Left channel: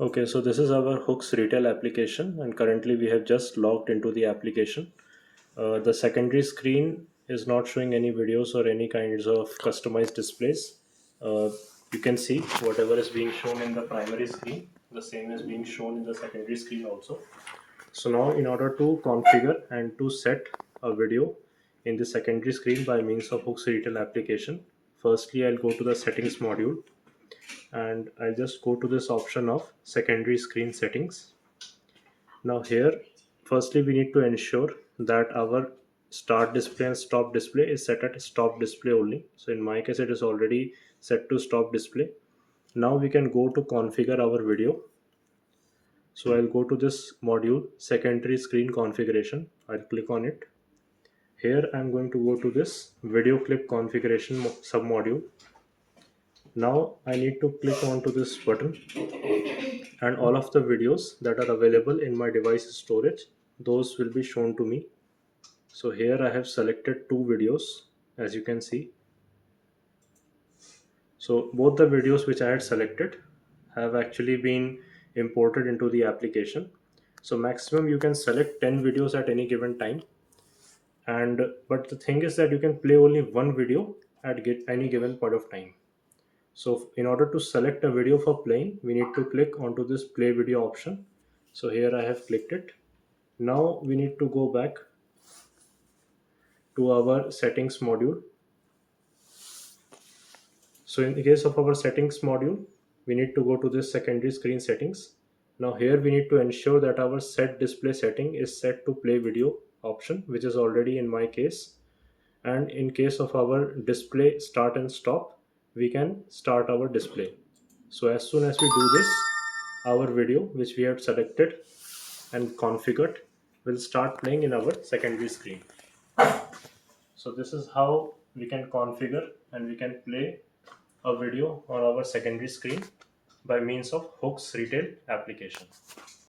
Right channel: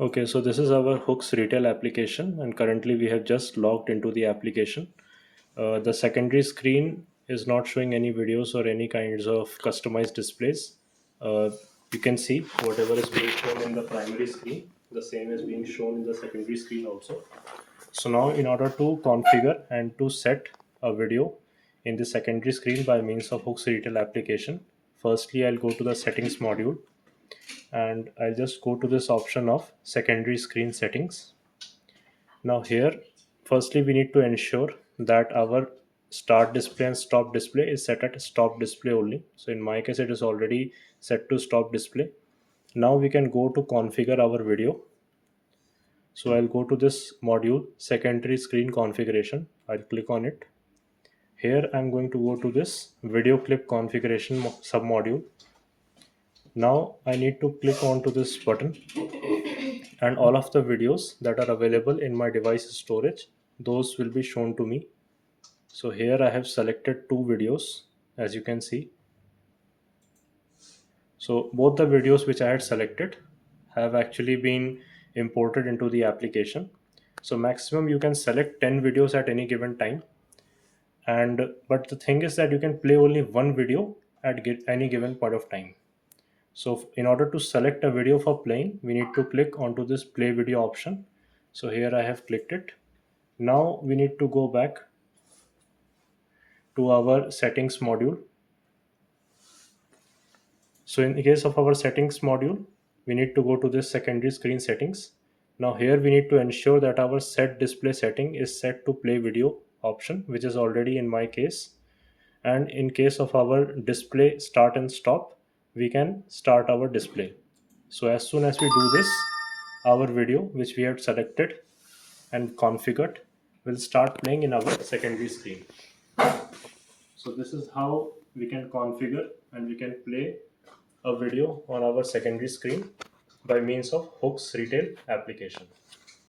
Okay, so this is our Hooks retail application, and currently we have just logged into the application. The secondary screen is not showing any videos or any kinds of customized displays. Uh, you can see whatever is being shown in the primary screen, the same is being shown in the secondary screen also. So now in order to configure and to set a video in the secondary screen by means of Hooks retail application, firstly I'll go to the settings module and I'll just go to this option of secondary screen settings. Now here, firstly we need to ensure that our start display and stop display is set at stop display only. So in my case it is already set to stop display. Now we can go to configure our video. So I'll go to this module secondary screen configuration. I'll click on it. Here I'm going to go to this video clip configuration submodule. Now I need to click onto this button, and all of the videos that are available in my device storage, those will be shown to me. So here I have selected two videos, as you can see. So both the videos which I had selected have actually been imported into the application. So maximum you can select 10 videos at any given time, and but the thing is that you can play only one video at any given point of time. So in order to select a video for playing, we need to click onto this play video option. So here I have clicked it. Now we need to go back to our settings module. So in the case of our settings module, we need to go to this secondary screen settings. Now here we need to ensure that our set display setting is set to play video option, which is already in my case. And in case of our display start and stop, we can start our display. So as soon as we do this, our video which we had selected and configured will start playing in our secondary screen. So this is how we can configure and we can play a video on our secondary screen by means of Hooks retail application.